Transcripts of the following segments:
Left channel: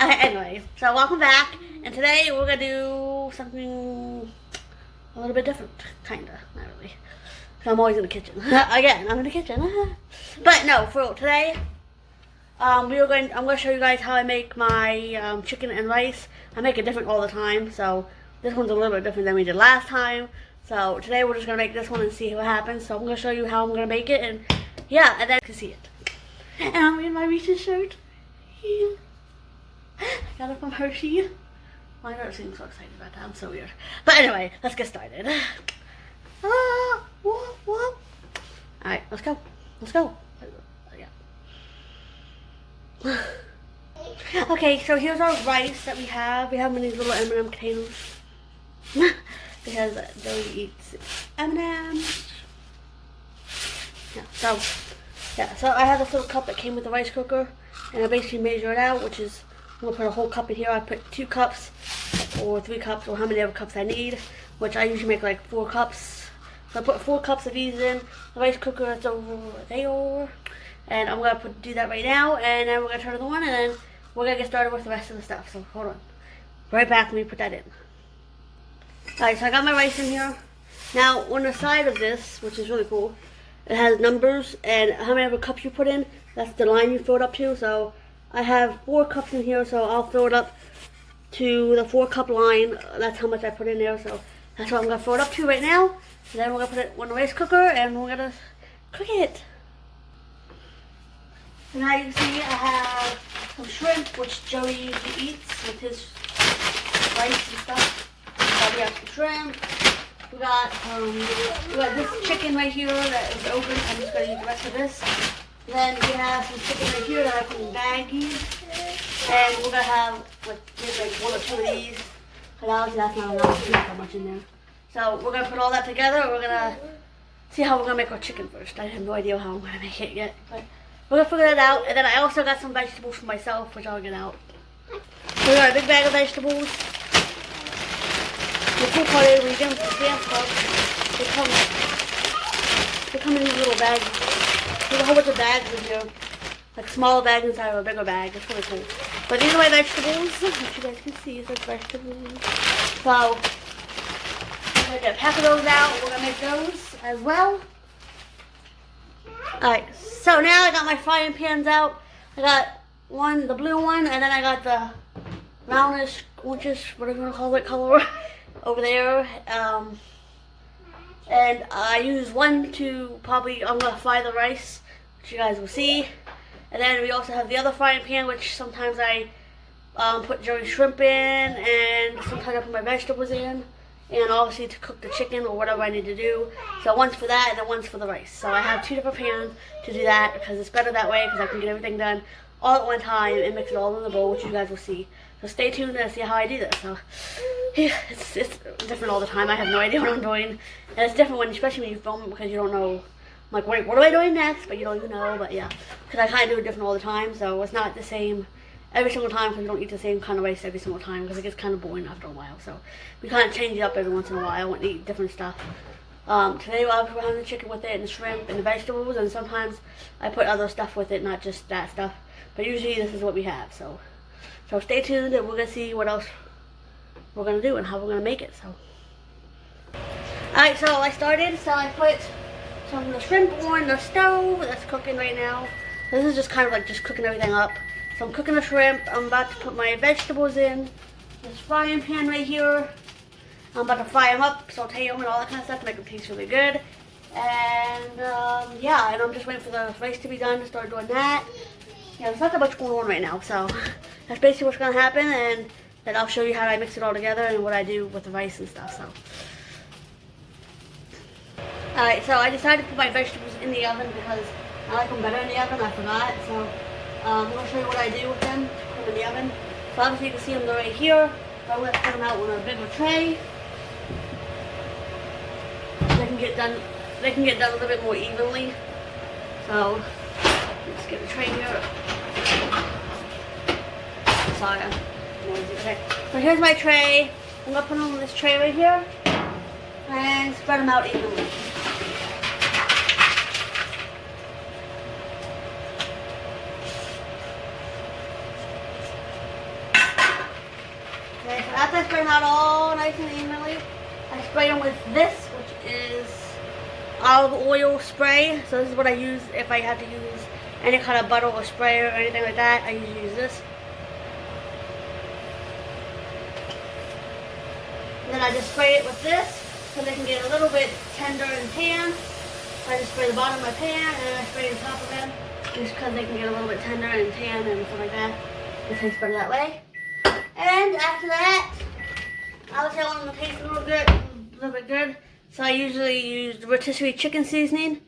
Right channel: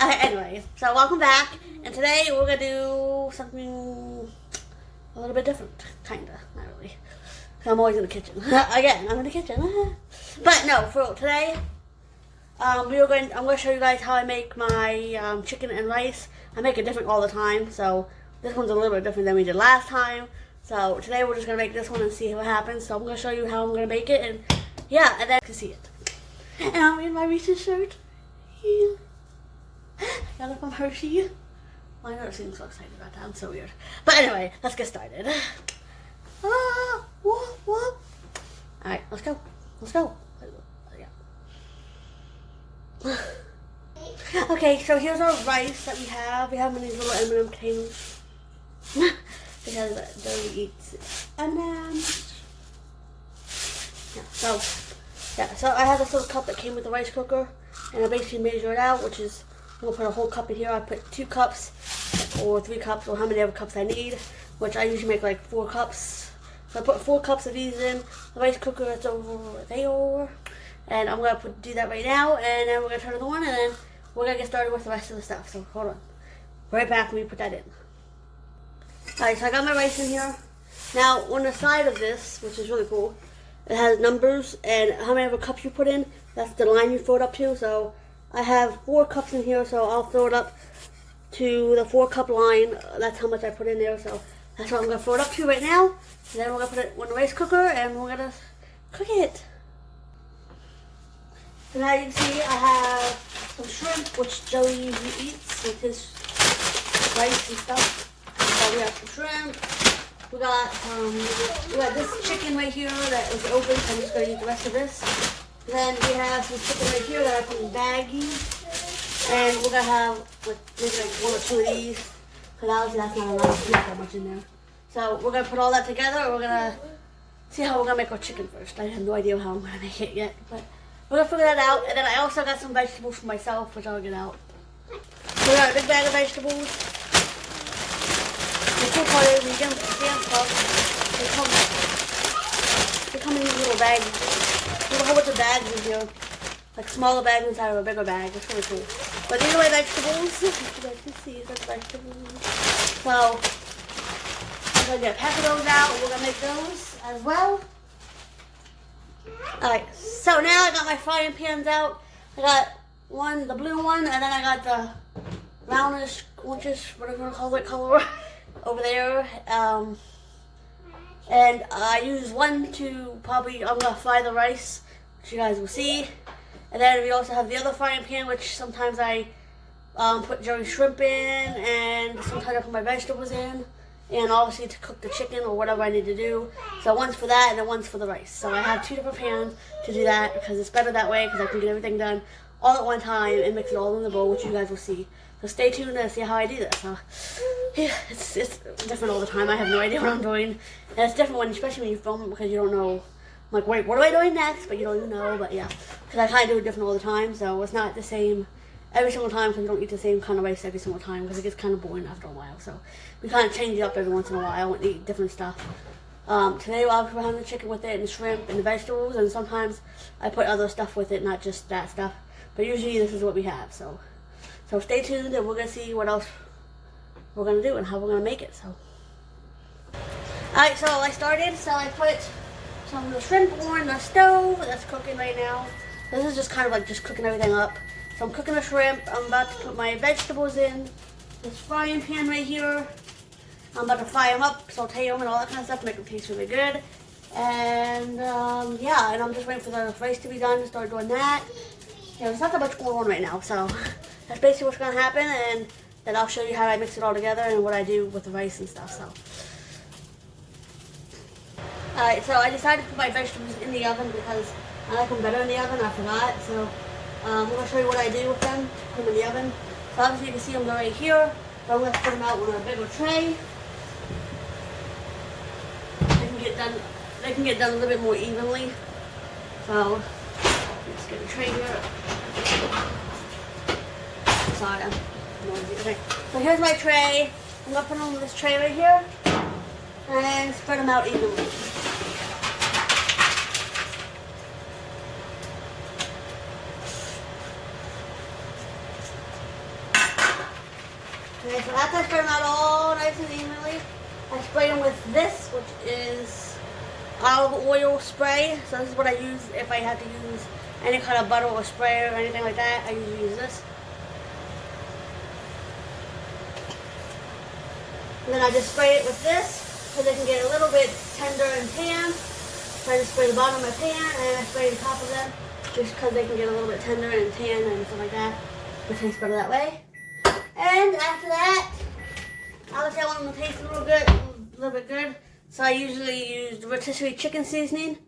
Okay, anyway, so welcome back, and today we're gonna do something a little bit different, kinda, not really. 'Cause I'm always in the kitchen. Again, I'm in the kitchen. But no, for today, I'm gonna show you guys how I make my chicken and rice. I make it different all the time, so this one's a little bit different than we did last time. So today we're just gonna make this one and see what happens. So I'm gonna show you how I'm gonna make it, and yeah, and then you can see it. And I'm in my Reese's shirt. Yeah. I got it from Hershey. I never seem so excited about that. I'm so weird. But anyway, let's get started. Whoop. Alright, let's go. Let's go. Yeah. Okay, so here's our rice that we have. We have them in these little M&M containers. Because Joey eats M&M's. Yeah, so I have this little cup that came with the rice cooker. And I basically measure it out, which is, I'm going to put a whole cup in here. I put 2 cups or 3 cups or how many other cups I need, which I usually make like 4 cups. So I put 4 cups of these in the rice cooker that's over there. And I'm going to do that right now, and then we're going to turn it on, and then we're going to get started with the rest of the stuff. So hold on. Right back, let me put that in. Alright, so I got my rice in here. Now, on the side of this, which is really cool, it has numbers and how many ever cups you put in, that's the line you fill it up to. So I have 4 cups in here, so I'll fill it up to the 4 cup line. That's how much I put in there, so that's what I'm going to fill it up to right now. And then we're going to put it on the rice cooker and we're going to cook it. So now you can see I have some shrimp, which Joey eats with his rice and stuff. So we have some shrimp. We got this chicken right here that is open, so I'm just going to eat the rest of this. Then we have some chicken right here that I put in baggies. And we're going to have maybe like 1 or 2 of these. Because that's not enough to put that much in there. So we're going to put all that together. We're going to see how we're going to make our chicken first. I have no idea how I'm going to make it yet. But we're going to figure that out. And then I also got some vegetables for myself, which I'll get out. So we got a big bag of vegetables. The cool part is when you get them from Sam's Club, they come in these little bags. There's a whole bunch of bags in here. Like smaller bags inside of a bigger bag. It's really cool. But these are my vegetables. You guys can see these are vegetables. So I'm going to get a pack of those out. We're going to make those as well. Alright, so now I got my frying pans out. I got the blue one, and then I got the brownish, orangish, whatever you want to call it, color over there. And I use one to I'm going to fry the rice, which you guys will see. And then we also have the other frying pan, which sometimes I put Joey's shrimp in, and sometimes I put my vegetables in. And obviously to cook the chicken or whatever I need to do. So one's for that and then one's for the rice. So I have 2 different pans to do that because it's better that way because I can get everything done all at one time and mix it all in the bowl, which you guys will see. So stay tuned and see how I do this. So yeah, it's different all the time. I have no idea what I'm doing. And it's different especially when you film it because you don't know. I'm like, wait, what am I doing next? But you don't even know. But yeah, because I kind of do it different all the time. So it's not the same every single time because you don't eat the same kind of rice every single time because it gets kind of boring after a while. So we kind of change it up every once in a while and eat different stuff. Today we're having the chicken with it and the shrimp and the vegetables, and sometimes I put other stuff with it, not just that stuff. But usually this is what we have. So stay tuned and we're going to see what else we're going to do and how we're going to make it. So alright, so I started. So I put some of the shrimp on the stove that's cooking right now. This is just kind of like just cooking everything up. So I'm cooking the shrimp. I'm about to put my vegetables in this frying pan right here. I'm about to fry them up, saute them, and all that kind of stuff to make them taste really good. And yeah, and I'm just waiting for the rice to be done to start doing that. Yeah, there's not that much going on right now, so that's basically what's going to happen. And then I'll show you how I mix it all together and what I do with the rice and stuff. So, alright, so I decided to put my vegetables in the oven because I like them better in the oven. I forgot, so I'm going to show you what I do with them to put them in the oven. So obviously you can see them right here. So I'm going to put them out on a bigger tray. They can get done a little bit more evenly. So let's get the tray here. Sorry, I'm noisy. Okay. So here's my tray. I'm going to put them on this tray right here and spread them out evenly. Okay, so after I spray them out all nice and evenly, I spray them with this, which is olive oil spray. So this is what I use if I have to use any kind of butter or spray or anything like that. I usually use this. And then I just spray it with this so they can get a little bit tender and tan. So I just spray the bottom of my pan and then I spray the top of them just because they can get a little bit tender and tan and stuff like that. It tastes better that way. And after that, obviously I want them to taste a little bit good. So I usually use the rotisserie chicken seasoning.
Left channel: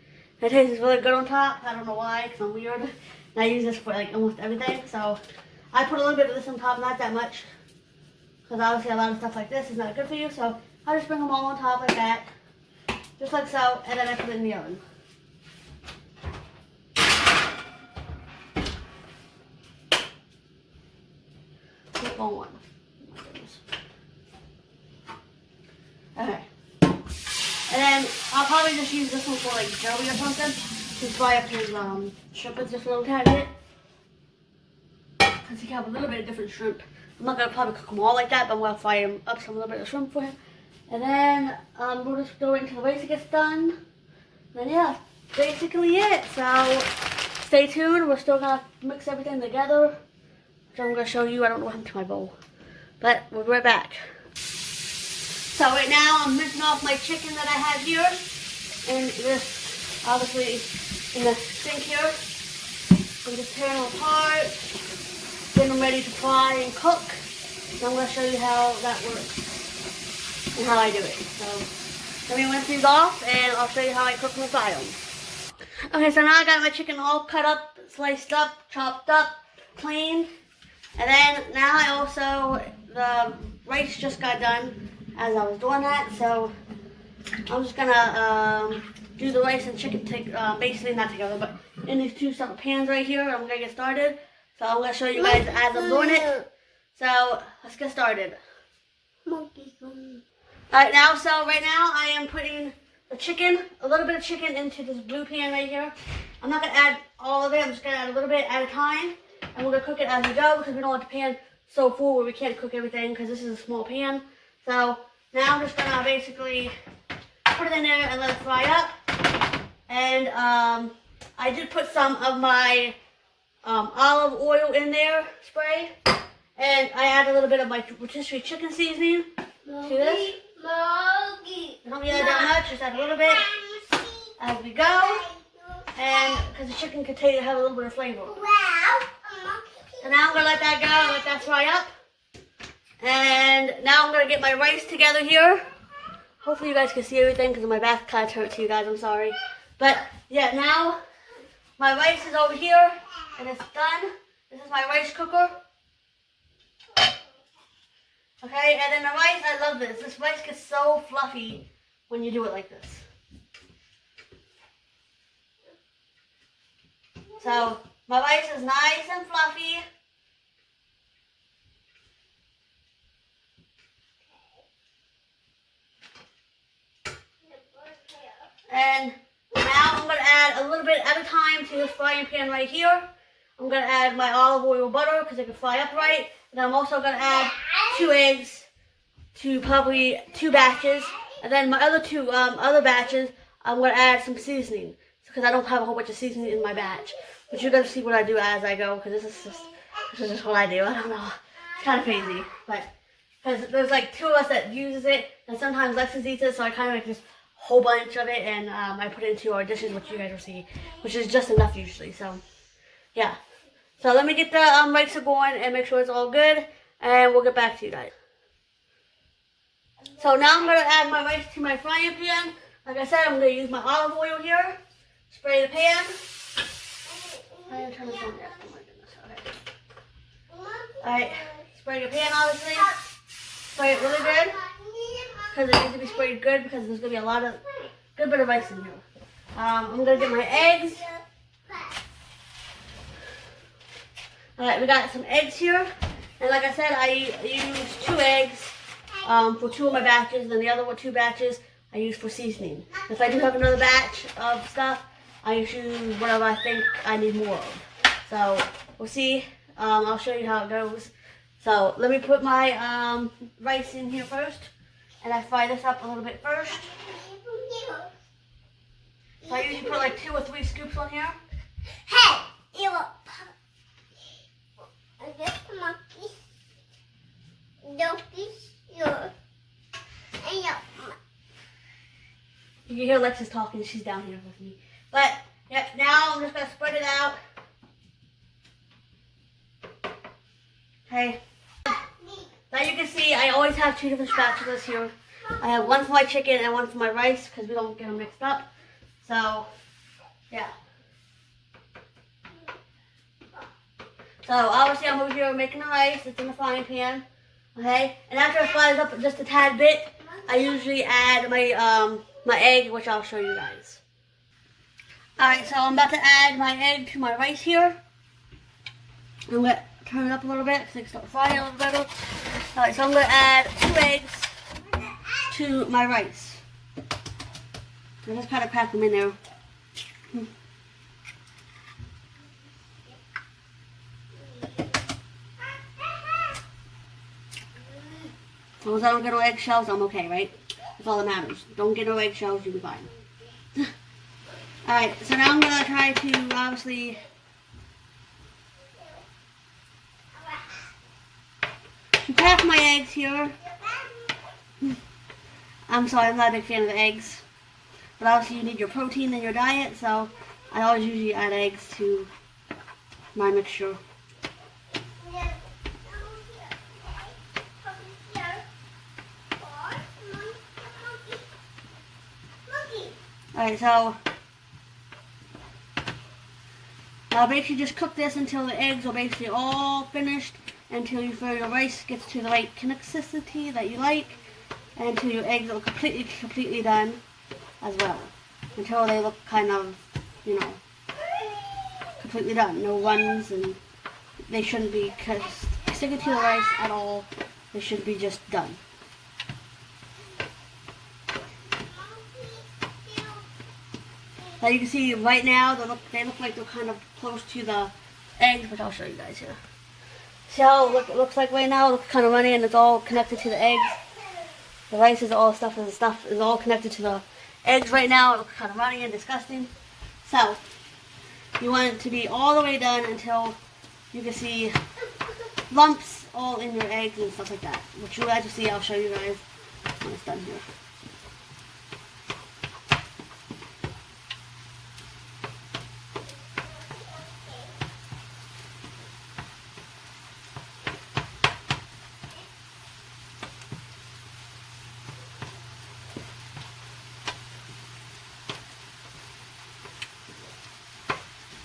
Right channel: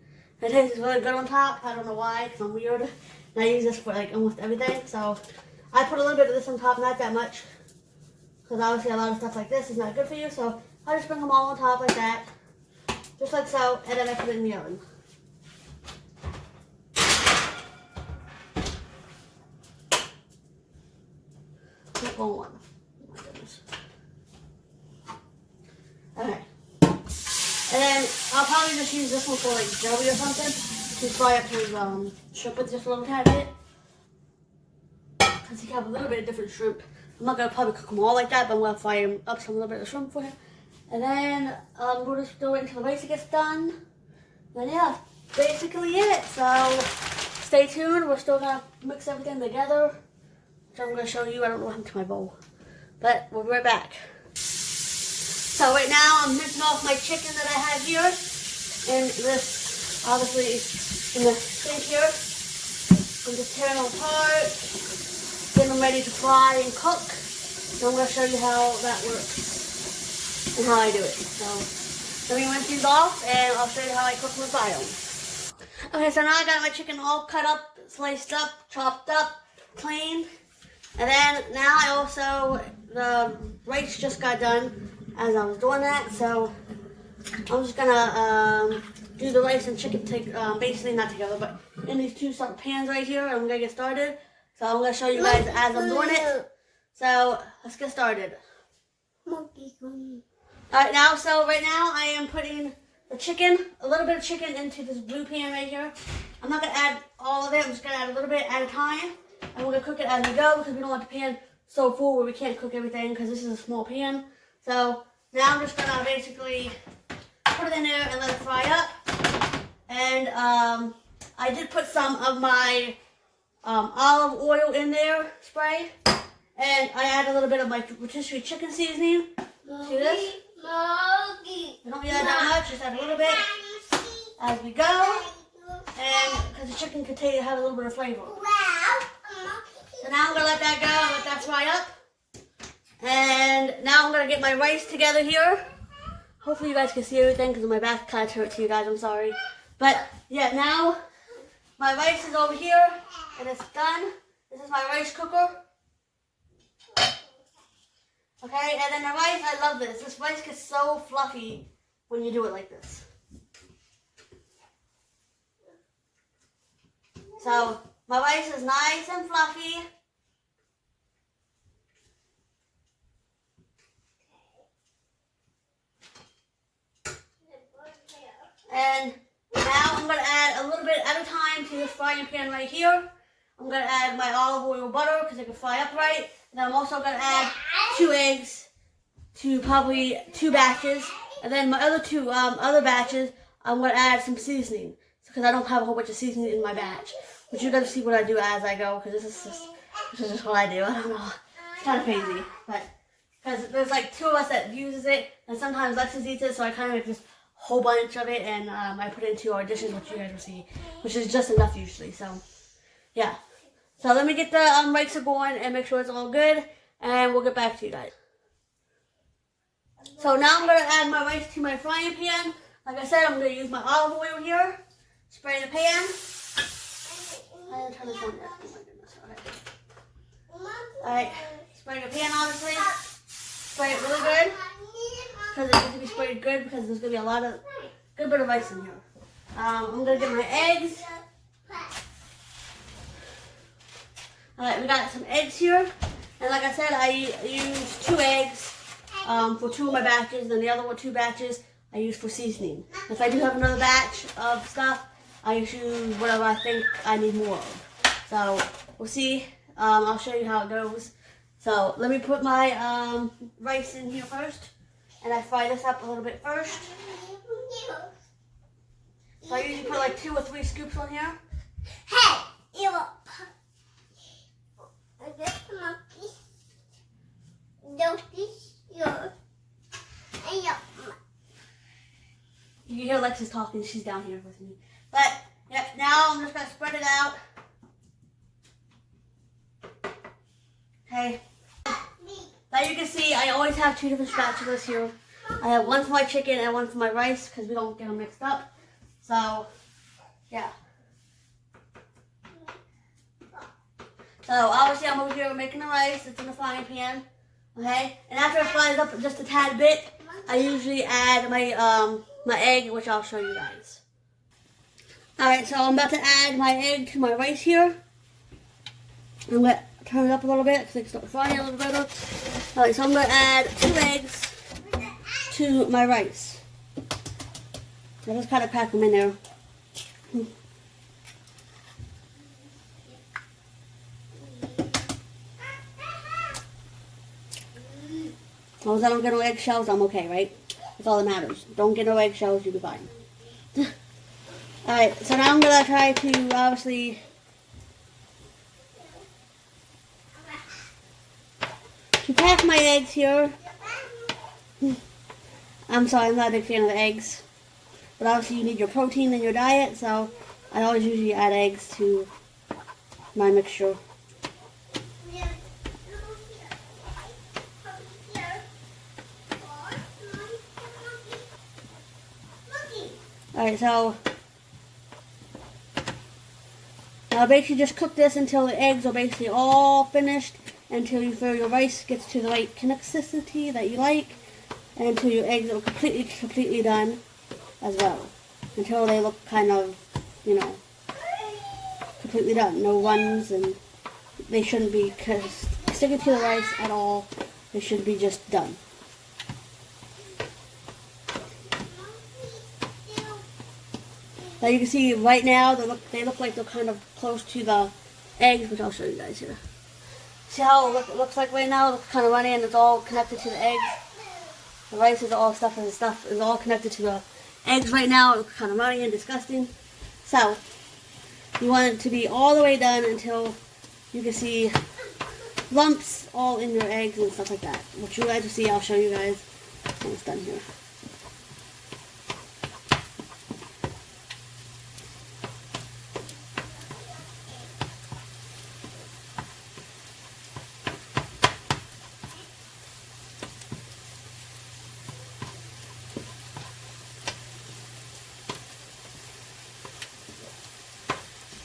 It tastes really good on top. I don't know why, because I'm weird. And I use this for like almost everything. So I put a little bit of this on top, not that much. Because obviously a lot of stuff like this is not good for you. So I just bring them all on top like that. Just like so. And then I put it in the oven. Keep on one. Oh my goodness. Okay. And then I'll probably just use this one for like jelly or something. Just fry up his shrimp with just a little tiny bit. Because he have a little bit of different shrimp. I'm not going to probably cook them all like that, but I'm going to fry him up some little bit of shrimp for him. And then we'll just throw it until the rice gets done. And yeah, basically it. So stay tuned. We're still going to mix everything together. So I'm going to show you. I don't know what happened to my bowl. But we'll be right back. So right now I'm mincing off my chicken that I have here. And this, obviously, in the sink here. I'm just tearing them apart. Getting them ready to fry and cook. So I'm going to show you how that works. And how I do it. So let me rinse these off and I'll show you how I cook and fry them. Okay, so now I got my chicken all cut up, sliced up, chopped up, clean. And then now I also, the rice just got done as I was doing that. So I'm just gonna do the rice and chicken basically not together, but in these two separate pans right here. I'm gonna get started. So I'm gonna show you guys as I'm doing it. So let's get started. Alright, right now I am putting the chicken, a little bit of chicken into this blue pan right here. I'm not gonna add all of it. I'm just gonna add a little bit at a time. And we're going to cook it as we go because we don't want the pan so full where we can't cook everything because this is a small pan. So now I'm just going to basically put it in there and let it fry up. And I did put some of my olive oil in there, spray. And I add a little bit of my rotisserie chicken seasoning to this. I don't need that much, just add a little bit as we go. And because the chicken can have a little bit of flavor. So now I'm going to let that go and let that fry up. And now I'm going to get my rice together here. Hopefully you guys can see everything because my back kind of hurts you guys, I'm sorry. But yeah, now my rice is over here and it's done. This is my rice cooker. Okay, and then the rice, I love this. This rice gets so fluffy when you do it like this. So my rice is nice and fluffy. And now I'm going to add a little bit at a time to this frying pan right here. I'm going to add my olive oil butter because it can fry up right. And I'm also going to add 2 eggs to probably 2 batches. And then my other 2 other batches, I'm going to add some seasoning because I don't have a whole bunch of seasoning in my batch. But you're going to see what I do as I go because this is just what I do. I don't know. It's kind of crazy. But because there's like 2 of us that uses it and sometimes Lexus eats it. So I kind of make this whole bunch of it and I put it into our dishes, which you guys will see, which is just enough usually. So yeah. So let me get the rice going and make sure it's all good and we'll get back to you guys. So now I'm going to add my rice to my frying pan. Like I said, I'm going to use my olive oil here. Spray the pan. I didn't turn this on yet. Oh my goodness. Okay. Alright. Spray the pan obviously. Spray it really good. Because it needs to be sprayed good because there's going to be a lot of good bit of rice in here. I'm going to get my eggs. Alright, we got some eggs here. And like I said, I use 2 eggs for 2 of my batches. And the other 2 batches I use for seasoning. If I do have another batch of stuff, I just use whatever I think I need more of. So, we'll see. I'll show you how it goes. So let me put my rice in here first, and I fry this up a little bit first. So I usually put like 2 or 3 scoops on here. Hey, you this monkey, You can hear Alexis talking. She's down here with me. But yep, now I'm just gonna spread it out. Okay. Now you can see I always have 2 different spatulas here. I have one for my chicken and one for my rice because we don't get them mixed up. So, yeah. So obviously I'm over here making the rice. It's in the frying pan. Okay? And after it fries up just a tad bit, I usually add my my egg, which I'll show you guys. Alright, so I'm about to add my egg to my rice here. I'm going to turn it up a little bit so it can start frying a little better. Alright, so I'm going to add 2 eggs to my rice. I just kind of crack them in there. As long as I don't get no eggshells, I'm okay, right? That's all that matters. Don't get no eggshells, you'll be fine. Alright, so now I'm going to try to obviously crack my eggs here. I'm sorry, I'm not a big fan of the eggs. But obviously you need your protein in your diet, so I always usually add eggs to my mixture. Alright, so now basically just cook this until the eggs are basically all finished, until you feel your rice gets to the right consistency that you like, and until your eggs are completely done as well. Until they look kind of, you know, completely done. No runs, and they shouldn't be sticking to the rice at all. They should be just done. Now you can see right now they look like they're kind of close to the eggs, which I'll show you guys here. See how it looks like right now? It looks kind of runny and it's all connected to the eggs. The rice is all stuff and the stuff is all connected to the eggs right now. It looks kind of runny and disgusting. So you want it to be all the way done until you can see lumps all in your eggs and stuff like that. Which you guys will see, I'll show you guys when it's done here.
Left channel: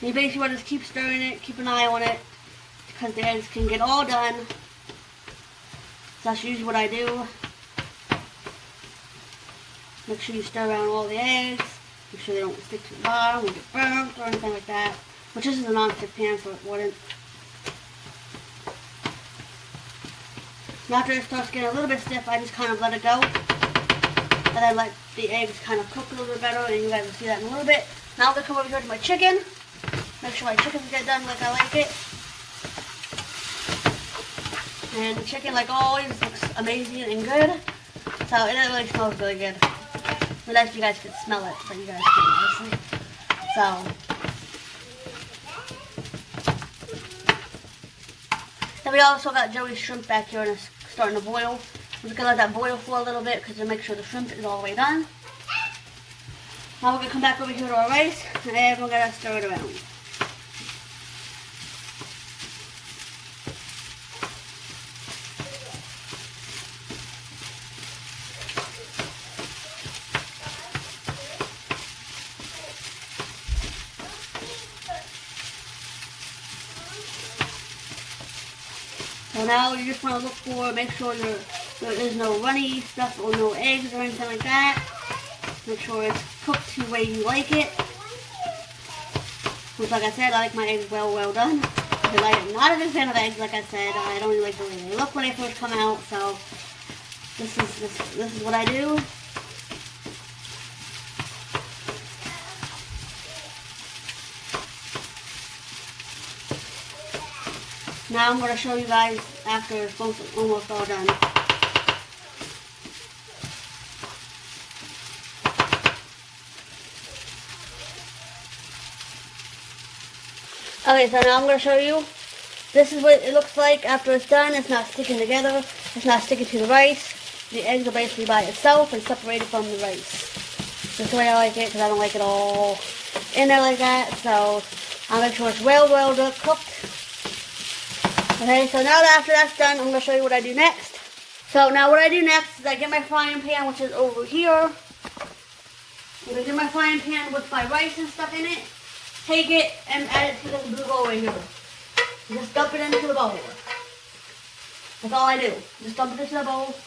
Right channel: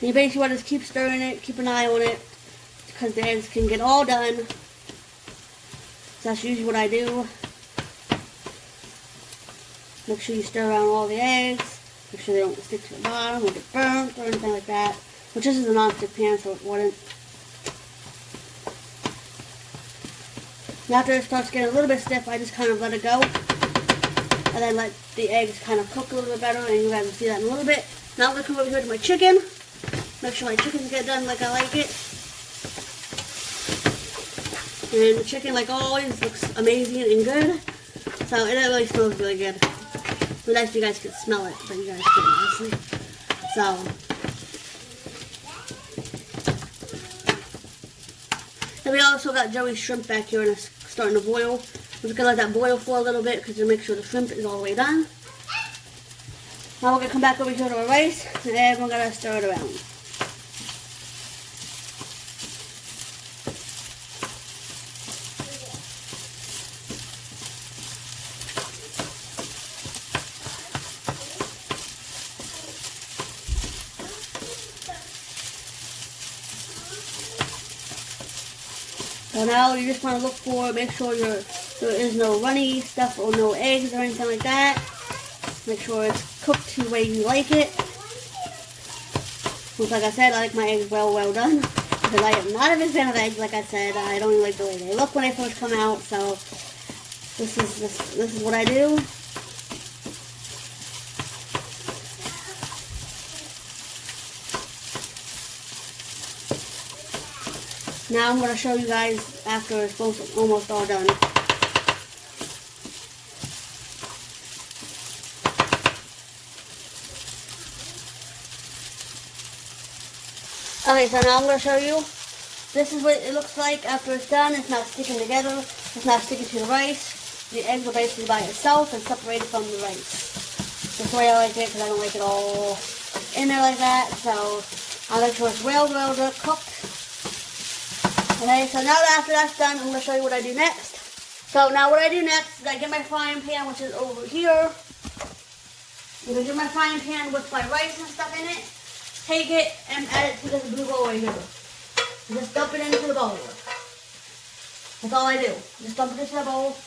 You basically want to just keep stirring it, keep an eye on it, because the eggs can get all done. So that's usually what I do. Make sure you stir around all the eggs. Make sure they don't stick to the bottom or get burnt or anything like that. Which this is a non-stick pan, so it wouldn't. And after it starts getting a little bit stiff, I just kind of let it go. And then let the eggs kind of cook a little bit better, and you guys will see that in a little bit. Now I'm going to come over here to my chicken. Make sure my chickens get done like I like it. And the chicken, like always, looks amazing and good. So it really smells really good. But nice you guys can smell it, but you guys can't, honestly. So then we also got Joey's shrimp back here and it's starting to boil. We're just gonna let that boil for a little bit because to make sure the shrimp is all the way done. Now we're gonna come back over here to our rice and then we're gonna stir it around. So now you just want to look for, make sure there is no runny stuff or no eggs or anything like that. Make sure it's cooked to the way you like it. Which, like I said, I like my eggs well done. Because I am not a big fan of eggs, like I said. I don't even like the way they look when they first come out. So this is what I do. Now I'm going to show you guys after it's almost all done. Okay, so now I'm going to show you. This is what it looks like after it's done. It's not sticking together. It's not sticking to the rice. The eggs are basically by itself and separated from the rice. That's the way I like it because I don't like it all in there like that. So I make sure it's well cooked. Okay, so now that after that's done, I'm going to show you what I do next. So now what I do next is I get my frying pan, which is over here. I'm going to get my frying pan with my rice and stuff in it. Take it and add it to this blue bowl right here. Just dump it into the bowl. That's all I do. Just dump it into the bowl.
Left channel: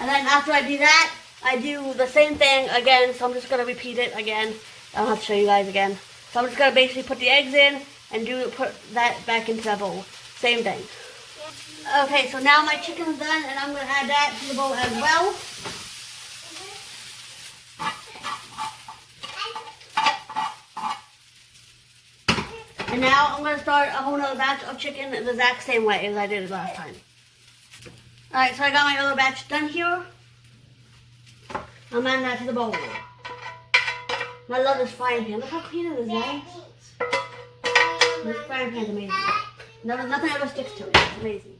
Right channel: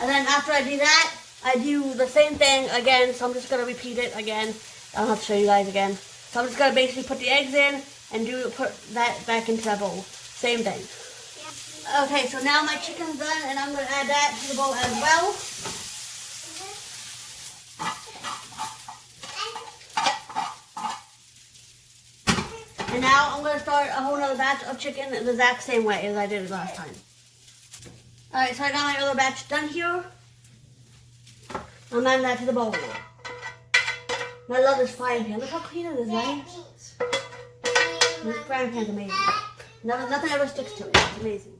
And then after I do that, I do the same thing again. So I'm just going to repeat it again. I don't have to show you guys again. So I'm just going to basically put the eggs in and put that back into that bowl. Same thing. Okay, so now my chicken's done and I'm going to add that to the bowl as well. And now I'm going to start a whole nother batch of chicken the exact same way as I did it last time. Alright, so I got my other batch done here. I'm adding that to the bowl. I love this frying pan. Look how clean it is, guys. This frying pan's amazing. Nothing ever sticks to it. It's amazing.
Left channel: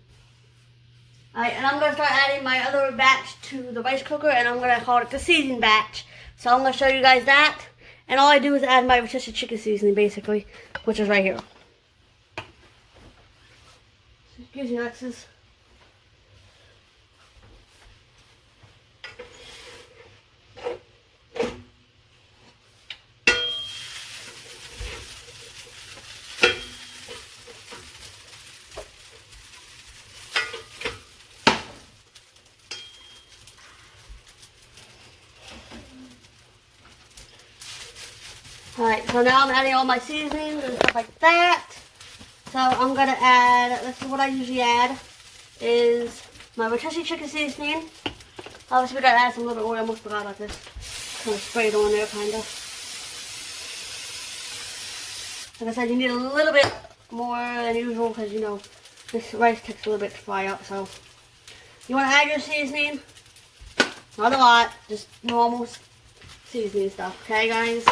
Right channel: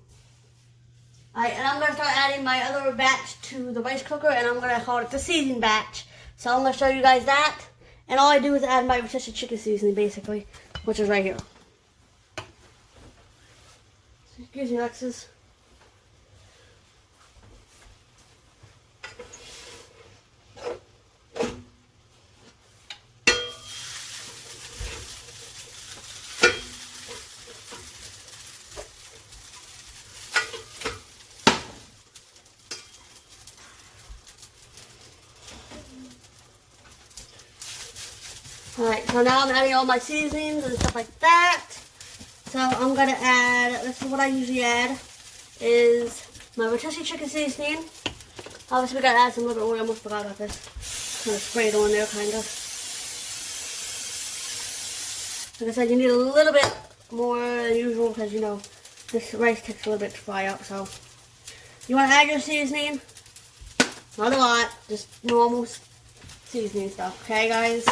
Alright, and I'm going to start adding my other batch to the rice cooker, and I'm going to call it the seasoning batch. So I'm going to show you guys that. And all I do is add my rotisserie chicken seasoning, basically, which is right here. Excuse me, Alexis. Alright, so now I'm adding all my seasonings and stuff like that. So I'm going to add, this is what I usually add, is my rotisserie chicken seasoning. Obviously we got to add some a little bit oil, I almost forgot about this. Kind of sprayed on there, kind of. Like I said, you need a little bit more than usual because, you know, this rice takes a little bit to fry up. So you want to add your seasoning, not a lot, just normal seasoning stuff, okay guys?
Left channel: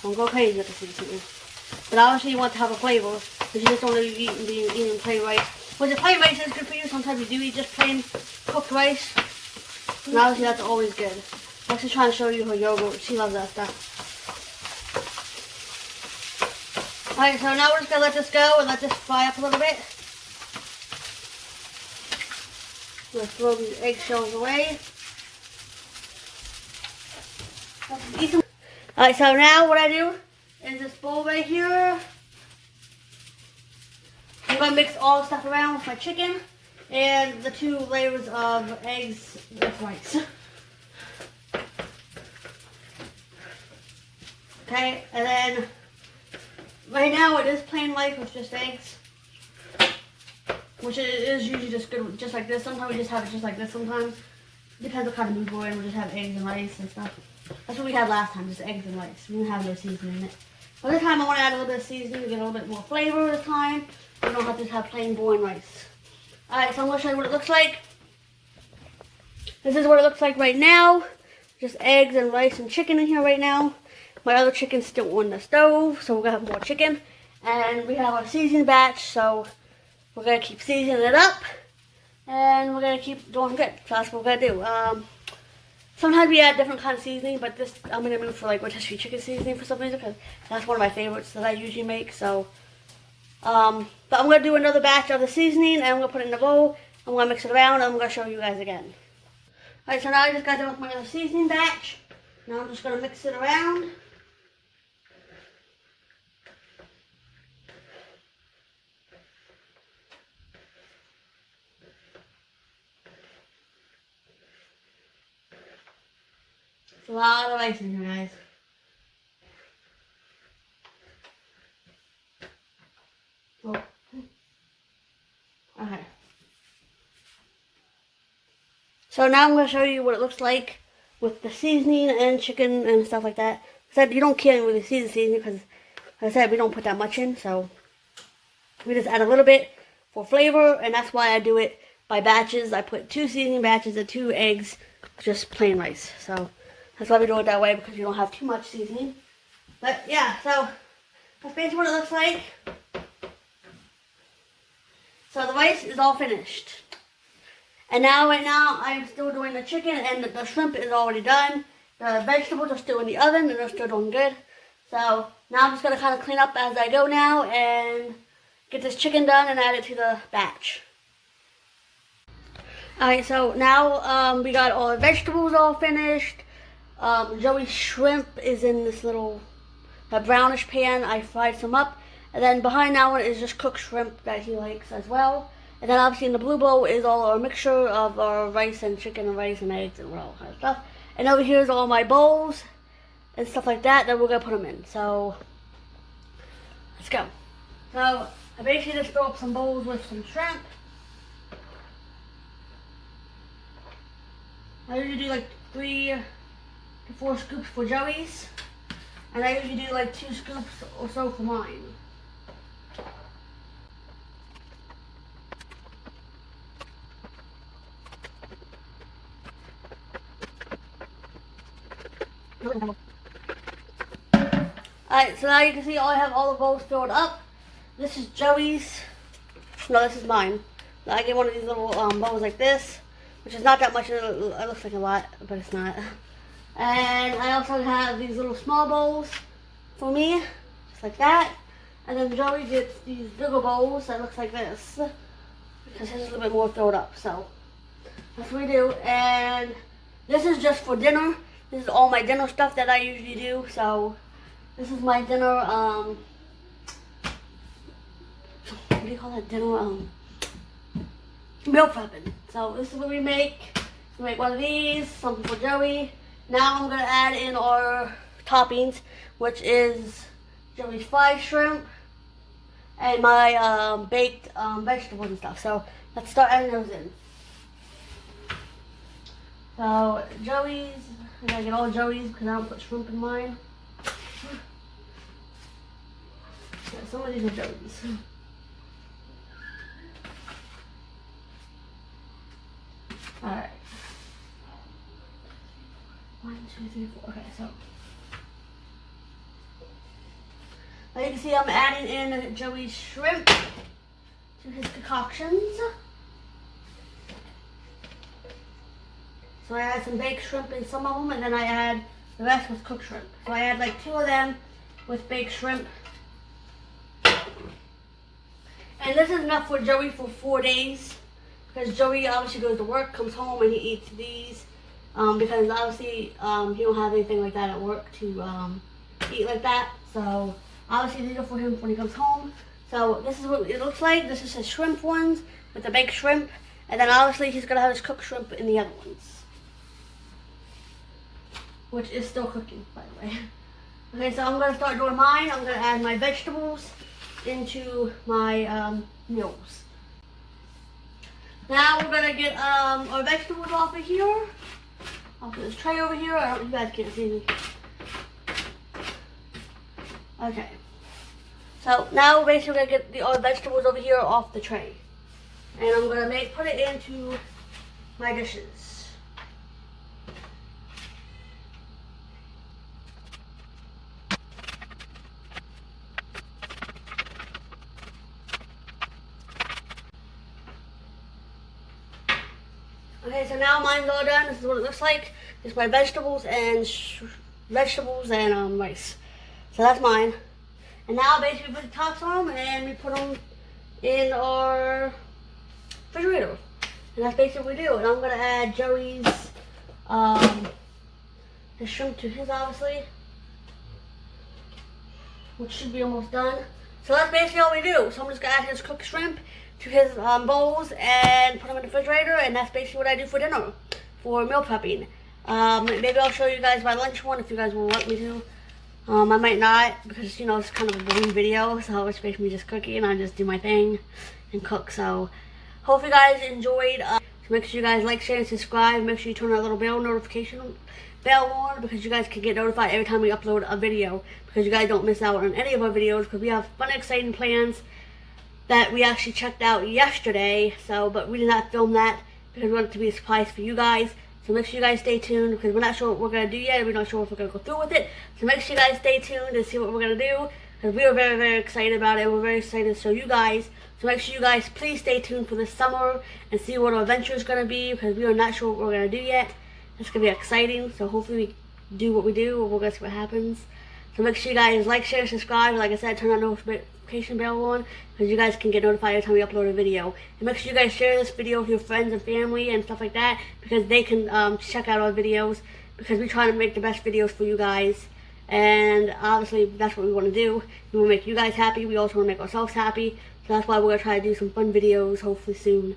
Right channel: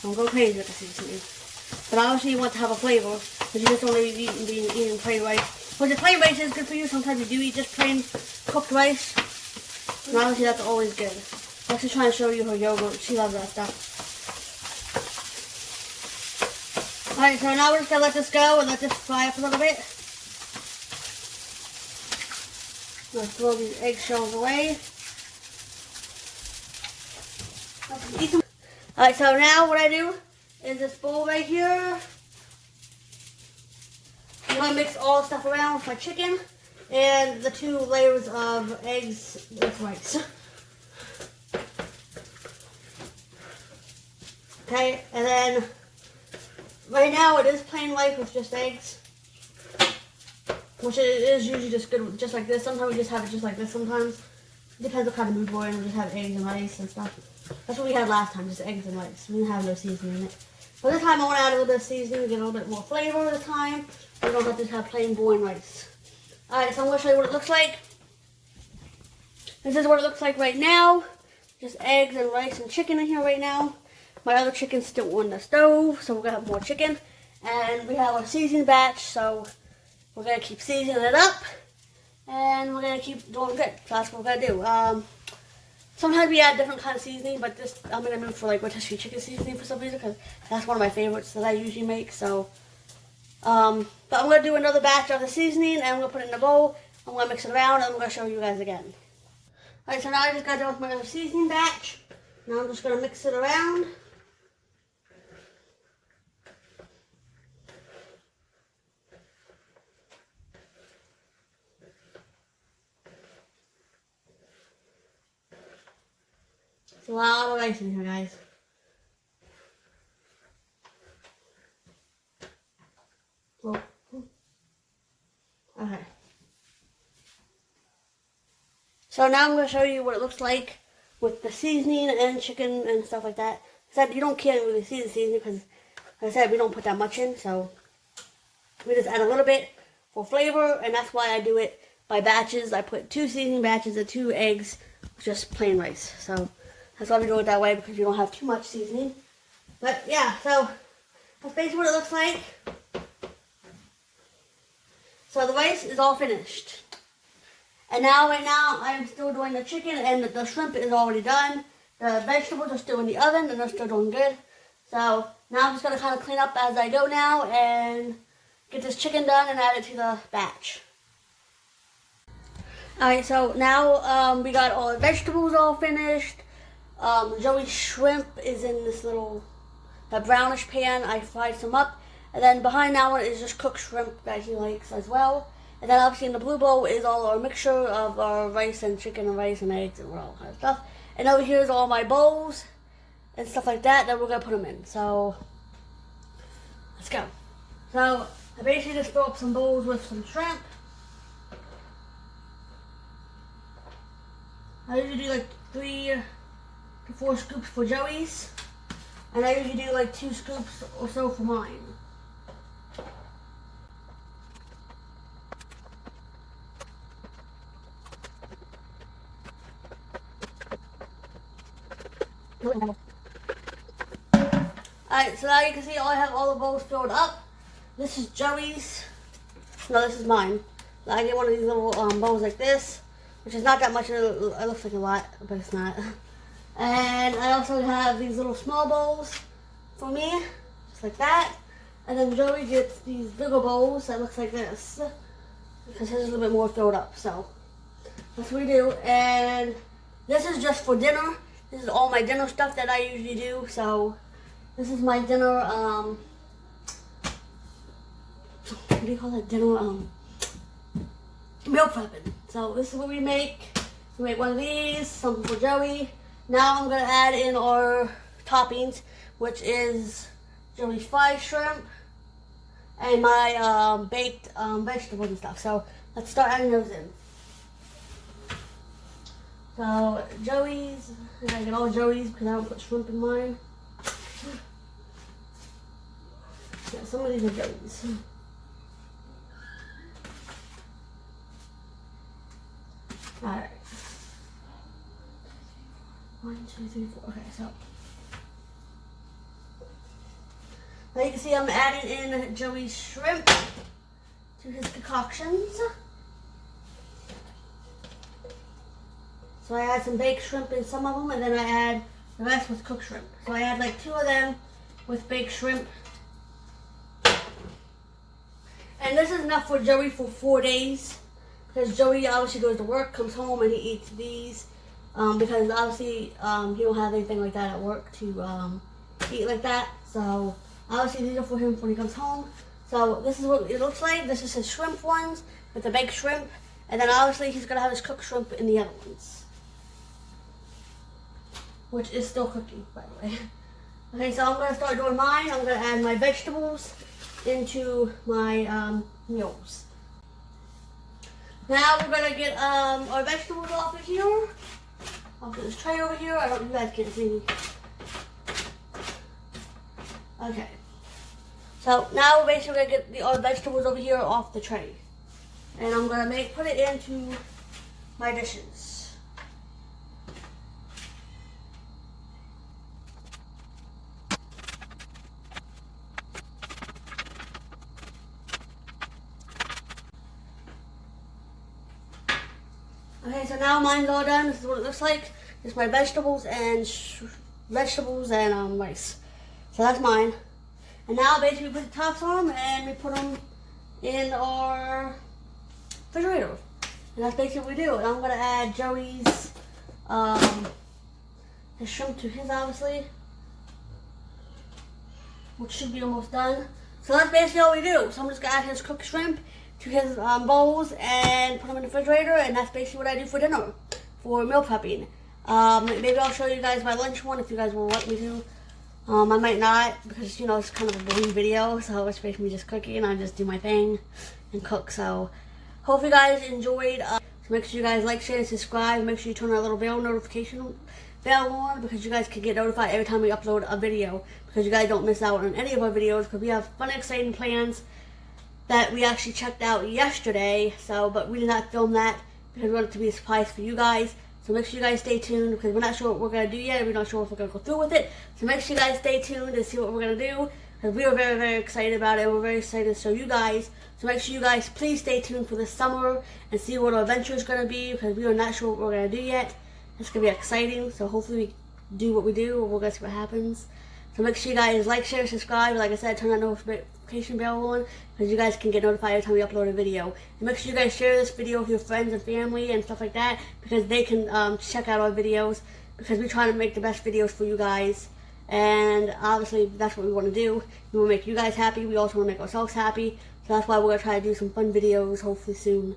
Don't go crazy with the seasoning. But obviously you want to have a flavor, because you just don't really eating plain rice. But the plain rice is good for you. Sometimes you do eat just plain cooked rice. And obviously that's always good. I'm just trying to show you her yogurt. She loves that stuff. Alright, so now we're just going to let this go and let this fry up a little bit. Let's throw these eggshells away. Alright, so now what I do is this bowl right here. I'm going to mix all the stuff around with my chicken and the 2 layers of eggs with rice. Okay, and then right now it is plain rice with just eggs. Which it is usually just good just like this. Sometimes we just have it just like this sometimes. It depends what kind of mood we're in. We'll just have eggs and rice and stuff. That's what we had last time, just eggs and rice. We didn't have no seasoning in it. But this time I want to add a little bit of seasoning to get a little bit more flavor this time. We don't have to just have plain boring rice. Alright, so I'm going to show you what it looks like. This is what it looks like right now. Just eggs and rice and chicken in here right now. My other chicken's still on the stove, so we're going to have more chicken. And we have our seasoning batch, so we're going to keep seasoning it up. And we're going to keep doing good. So that's what we're going to do. Sometimes we add different kind of seasoning, but this I'm going to move for like rotisserie chicken seasoning for some reason, because that's one of my favorites that I usually make. So, but I'm going to do another batch of the seasoning, and I'm going to put it in a bowl. I'm going to mix it around, and I'm going to show you guys again. Alright, so now I just got done with my other seasoning batch. Now I'm just going to mix it around. A lot of rice in here, guys. Oh. Okay. So now I'm going to show you what it looks like with the seasoning and chicken and stuff like that. I said you don't really see the seasoning because, like I said, we don't put that much in. So we just add a little bit for flavor, and that's why I do it by batches. I put 2 seasoning batches and 2 eggs, just plain rice. So that's why we do it that way, because you don't have too much seasoning. But yeah, so that's basically what it looks like. So the rice is all finished. And now, right now, I'm still doing the chicken, and the shrimp is already done. The vegetables are still in the oven, and they're still doing good. So now I'm just going to kind of clean up as I go now and get this chicken done and add it to the batch. Alright, so now we got all the vegetables all finished. Joey's shrimp is in this little brownish pan. I fried some up. And then behind that one is just cooked shrimp that he likes as well. And then obviously in the blue bowl is all our mixture of our rice and chicken and rice and eggs and all kind of stuff. And over here is all my bowls and stuff like that we're going to put them in. So, let's go. So, I basically just fill up some bowls with some shrimp. I usually do like 3 to 4 scoops for Joey's. And I usually do like 2 scoops or so for mine. Alright, so now you can see I have all the bowls filled up. This is Joey's. No, this is mine. Now I get one of these little bowls like this, which is not that much. It looks like a lot, but it's not. And I also have these little small bowls for me, just like that. And then Joey gets these bigger bowls that looks like this, because his is a little bit more filled up. So that's what we do. And this is just for dinner. This is all my dinner stuff that I usually do. So this is my dinner, what do you call it? Dinner, meal prepping. So this is what we make. We make one of these, something for Joey. Now I'm going to add in our toppings, which is Joey's fried shrimp and my baked vegetables and stuff. So let's start adding those in. So Joey's, I gotta get all Joey's because I don't put shrimp in mine. Yeah, some of these are Joey's. Alright. 1, 2, 3, 4. Okay, so now you can see I'm adding in Joey's shrimp to his concoctions. So I add some baked shrimp in some of them, and then I add the rest with cooked shrimp. So I add like 2 of them with baked shrimp. And this is enough for Joey for 4 days, because Joey obviously goes to work, comes home, and he eats these. Because obviously he don't have anything like that at work to eat like that. So obviously these are for him when he comes home. So this is what it looks like. This is his shrimp ones with the baked shrimp. And then obviously he's going to have his cooked shrimp in the other ones, which is still cooking, by the way. Okay, so I'm going to start doing mine. I'm going to add my vegetables into my meals. Now we're going to get our vegetables off of here. I'll put this tray over here. I hope you guys can't see me. Okay. So now we're basically going to get our vegetables over here off the tray. And I'm going to put it into my dishes. Okay, so now mine's all done. This is what it looks like. It's my vegetables and rice. So that's mine. And now basically we put the tops on them and we put them in our refrigerator. And that's basically what we do. And I'm going to add Joey's his shrimp to his, obviously, which should be almost done. So that's basically all we do. So I'm just going to add his cooked shrimp to his bowls and put them in the refrigerator, and that's basically what I do for dinner, for meal prepping. Maybe I'll show you guys my lunch one if you guys will want me to. I might not, because, you know, it's kind of a boring video, so it's basically me just cooking, and I just do my thing and cook. So hope you guys enjoyed. So make sure you guys like, share, and subscribe. Make sure you turn that little bell notification bell on, because you guys can get notified every time we upload a video, because you guys don't miss out on any of our videos, because we have fun, exciting plans that we actually checked out yesterday. So, but we did not film that because we wanted it to be a surprise for you guys. So make sure you guys stay tuned because we're not sure what we're going to do yet. We're not sure if we're going to go through with it. So make sure you guys stay tuned to see what we're going to do because we are very, very excited about it. We're very excited to show you guys. So make sure you guys please stay tuned for this summer and see what our adventure is going to be because we are not sure what we're going to do yet. It's going to be exciting. So hopefully we do what we do and we're going to see what happens. So make sure you guys like, share, subscribe. Like I said, turn that notification bell on because you guys can get notified every time we upload a video. And make sure you guys share this video with your friends and family and stuff like that because they can check out our videos because we're trying to make the best videos for you guys. And obviously that's what we want to do. We want to make you guys happy. We also want to make ourselves happy. So that's why we're going to try to do some fun videos hopefully soon.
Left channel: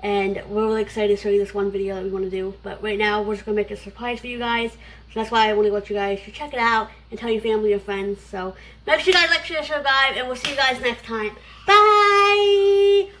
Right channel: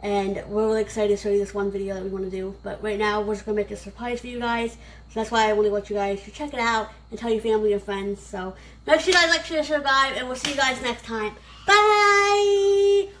And we're really excited to show you this one video that we want to do. But right now we're just going to make a surprise for you guys. So that's why I really want you guys to check it out and tell your family and friends. So make sure you guys like, share, subscribe, and we'll see you guys next time. Bye!